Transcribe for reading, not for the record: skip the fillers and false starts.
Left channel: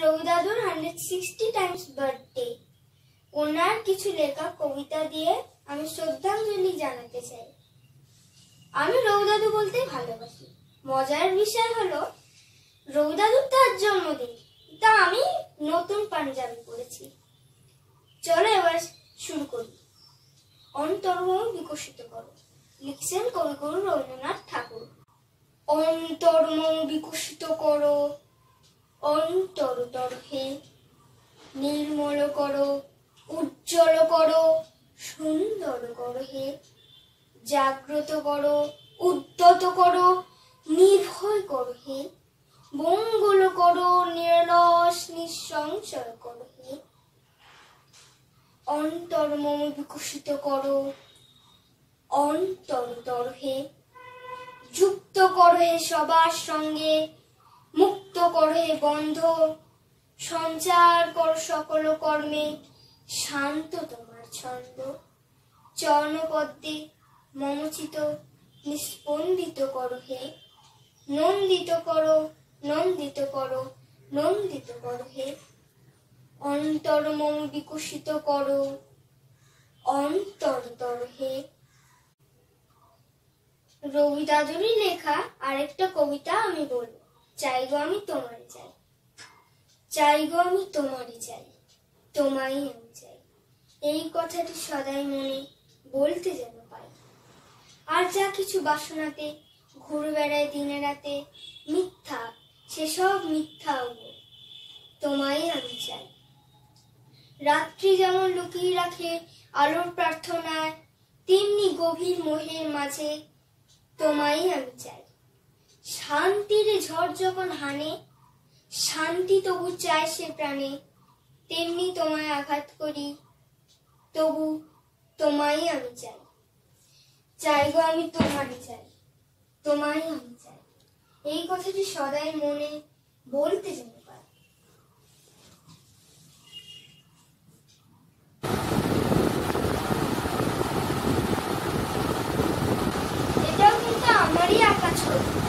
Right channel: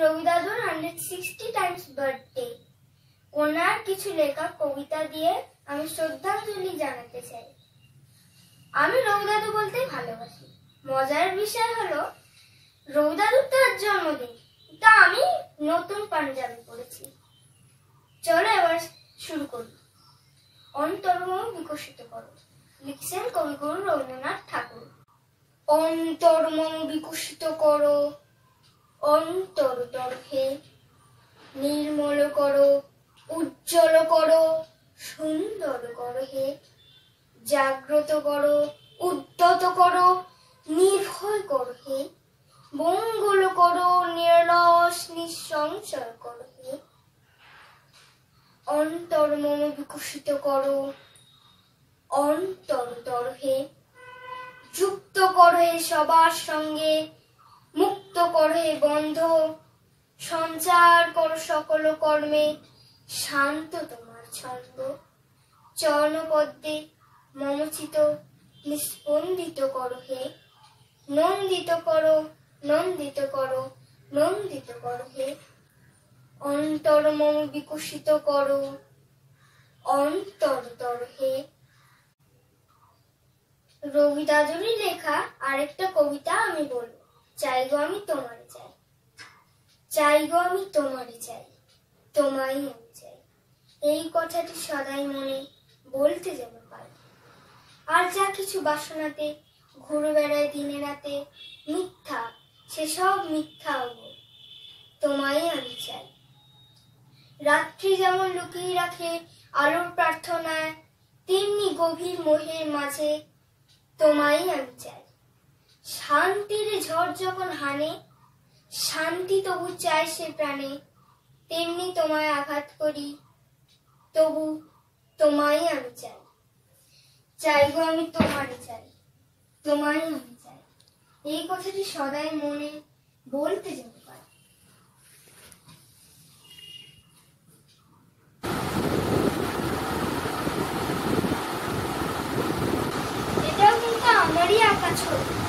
রবি দাদুর 160 Times birthday. ওনার কিছু লেখা কবিতা দিয়ে আমি শ্রদ্ধাঞ্জলি জানাতে চাই। আমি রবি দাদু বলতে ভালোবাসি। মজার বিষয় হলো রবি দাদুর তার জন্মদিন, তা আমি নতুন পাঞ্জাবি পরেছি। চলো এবার শুরু করি। অন্তর্মম বিকশিত করো, লিখছেন কবিগুরু রবীন্দ্রনাথ ঠাকুর। অন্তর্মম বিকশিত করো, অন্তরতর হে, নির্মল করো, উজ্জ্বল করো, সুন্দর করো হে, জাগ্রত করো, উদ্যত করো, নির্ভয় করো হে, মঙ্গল করো, নিরলস নিঃসংশয় করো হে। অন্তর্মম বিকশিত করো, অন্তরতর হে, যুক্ত করো হে সবার সঙ্গে, মুক্ত করো হে বন্ধ, সঞ্চার করো সকল কর্মে, শান্ত তোমার ছন্দ, চরণপদ্মে মমচিত নিস্পন্দিত করো হে, নন্দিত করো, নন্দিত করো, নন্দিত করো হে। অন্তর্মম বিকশিত করো, অন্তরতর হে। রবি দাদুরই লেখা আরেকটা কবিতা আমি বলবো। চাই গো আমি তোমারে চাই, চাই গো আমি তোমারে চাই, তোমায় আমি চাই। এই কথাটি সদাই মনে বলতে যেন পাই। আর যা কিছু বাসনাতে ঘুরে বেড়ায় দিনে রাতে, মিথ্যা সেসব মিথ্যা গো, তোমায় আমি চাই। রাত্রি যেমন লুকিয়ে রাখে আলোর প্রার্থনায়, তেমনি গভীর মোহের মাঝে তোমায় আমি চাই। শান্তির ঝড় যখন হানে, শান্তি তবু চায় সে প্রাণে, তেমনি তোমায় আঘাত করি, তবু তোমায় আমি চাই। চাই গো আমি তোমারে চাই, তোমায় আমি চাই। এই কথাটি সদাই মনে বলতে যেন পাই। এটাও কিন্তু আমারই আঁকা ছবি।